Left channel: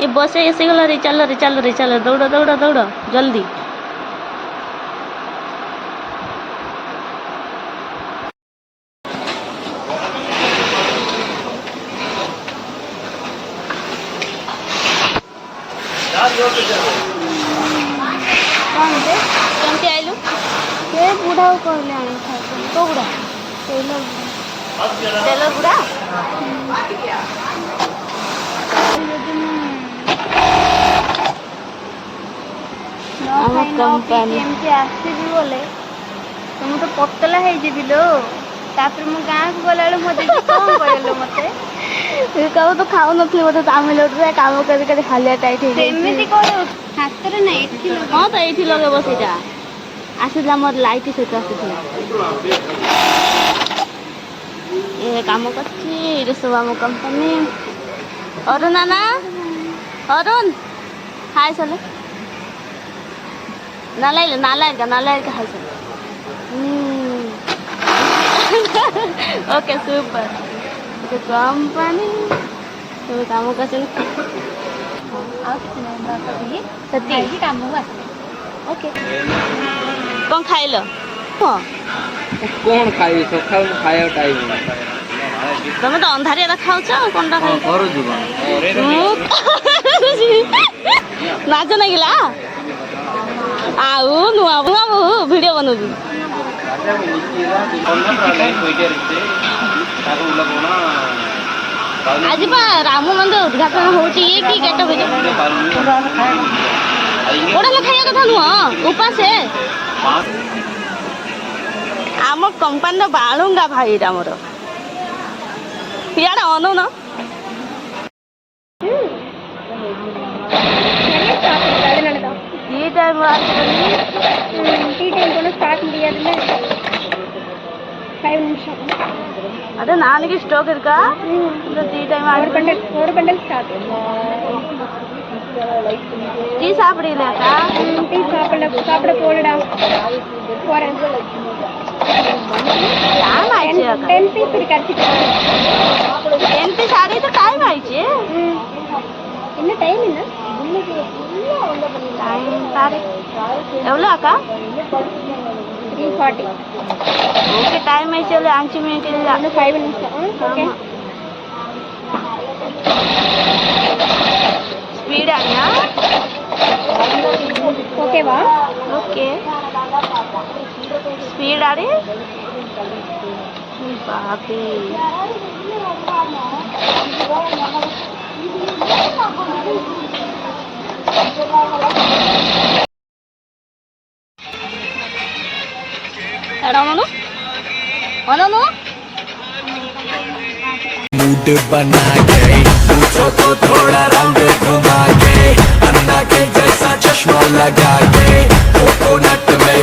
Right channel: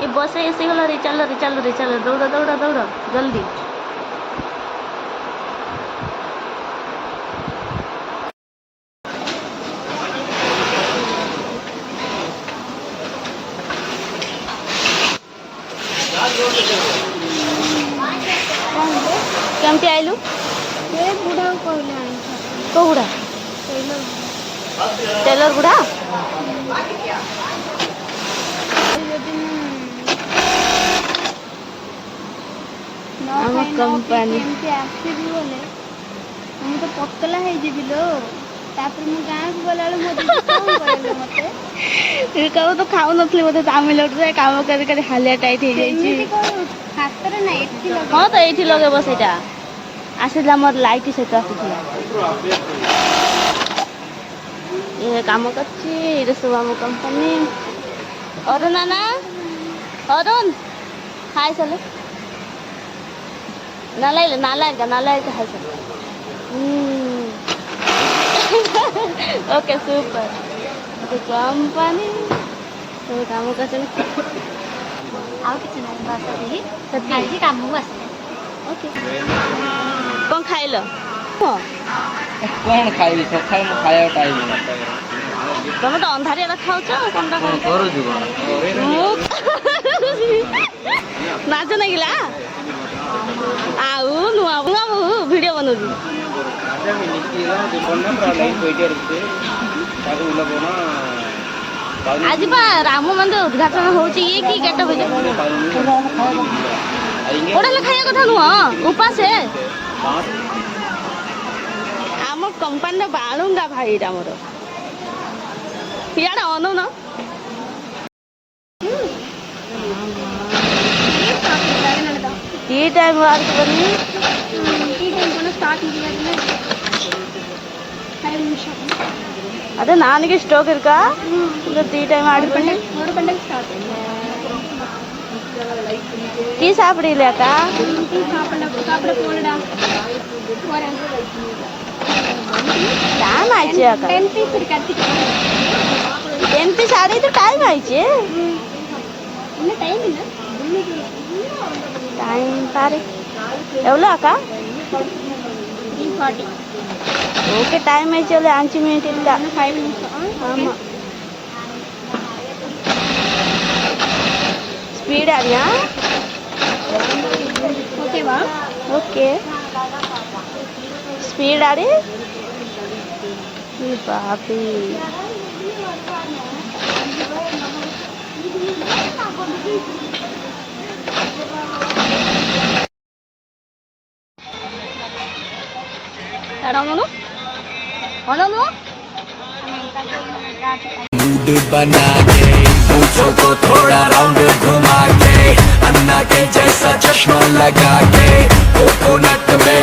ये बसे ऐसे गला रे, चलो रे, चलो रे, चलो, दौड़ो दौड़ो दौड़ो जल्दी। केमती आइलु ସେ ବୁଢ଼ାକୁ କହିଲେ ଆମେ ଖାଇବୁ। को बुढ़ा टेलर बुढ़ा ଆମ company। ଏମିତି ଆସିବି ବୋଲେ ତ ମୁଁ ତ ପତଲା ହେଇଯିବି ଲୋ। ତାପରେ ମୁଁ ଗାଁକୁ ଗଲାବେଳେ ମୋ ଦିଦି କ'ଣ କହିଲେ ମତେ कहू तो खाऊ नथली बोधे तामिलनाडु काम कर कर हालिया टाइट हो ସେମିତି କହିବୁ ହାତରେ ନା ଏଠି ଲଗେଇ हाँ तो ये लगे बस इटा आसीला मोर लाइट सहित आसीला ये काम करछि ये सब आम कंपनी। अरुण नाना अरुण हाय चले नालाय का हाय चले ओके सुपर ओके कंपनी सब काम कर ଆଉ କିଛି ନାହିଁ ବାସ୍ ସେତିକି ସେତିକି? ଖାଇକି କାମକୁ ଆସିବେ। ओके कौन खाइल हाँ कौन खाई सकाल खाया टाइम तुम तो अंधारिया खाऊच कौन खाई नाच नहीं गिला आउ नुआ नुआ वीडियो बनौजी आज बा राम मंदिर उद्घाटन होची ये की केटा बजे ओडा लो खाया कथा नुआ उपास है आम कंपनी बालुंगा भाई रामर यार अनु न ಈ ಟೈಮ್ ಆಗ್ತದೆ ಟೀ ಟೈಮ್ ಕೂಡ ಸ್ಟಾರ್ಟ್ ಮಾಡಿದ್ರೆ 5 ನಿಮಿಷ ಅದೇ ನನಗೆ ಸ್ಟೋಕ್ ಇರ್ಕ ಟೀ ಟೈಮ್ ಆಡ್ಕೊಂಡು 4 ಗಂಟೆಗೆ ಸ್ಟಾರ್ಟ್ ಟೀ ಸಾப்பிಡಿಲ್ಲ ಅಕ್ಕ ಟೀ ಸಾப்பிಡ போடடா போறேன் ಟೈಮ್ ಆಯ್ತು ಅಕ್ಕ 10 ಪೀಸ್ ಕಟ್ಟಿ ಎಂತ ಸಾಡೆ ಇದು ಟೈಮ್ ಆಯ್ತು ಇನ್ನು ಟೈಮ್ ಇಲ್ಲ ಟೈಮ್ ತಾರೆ ಎவ்வளோ ಅಕ್ಕ 3:40 ಓಕೆ ಟೈಮ್ ಆಯ್ತು ಅಲ್ಲಿ 5 ಮಿನಿಟ್ ಇಲ್ಲ 5 ನಿಮಿಷ ಓಕೆ ಸ್ಪೀಡ್ ಆಡಿಯಾ ಓಕೆವಾ ಓಕೆ ಸ್ಪೀಡ್ ಆಡಿ ಬಾಪಿ अनु अनु बना के पूछो तो थोड़ा राउंड घुमा के अन्ना के जैसा चश्मा लगा के कोकोनट में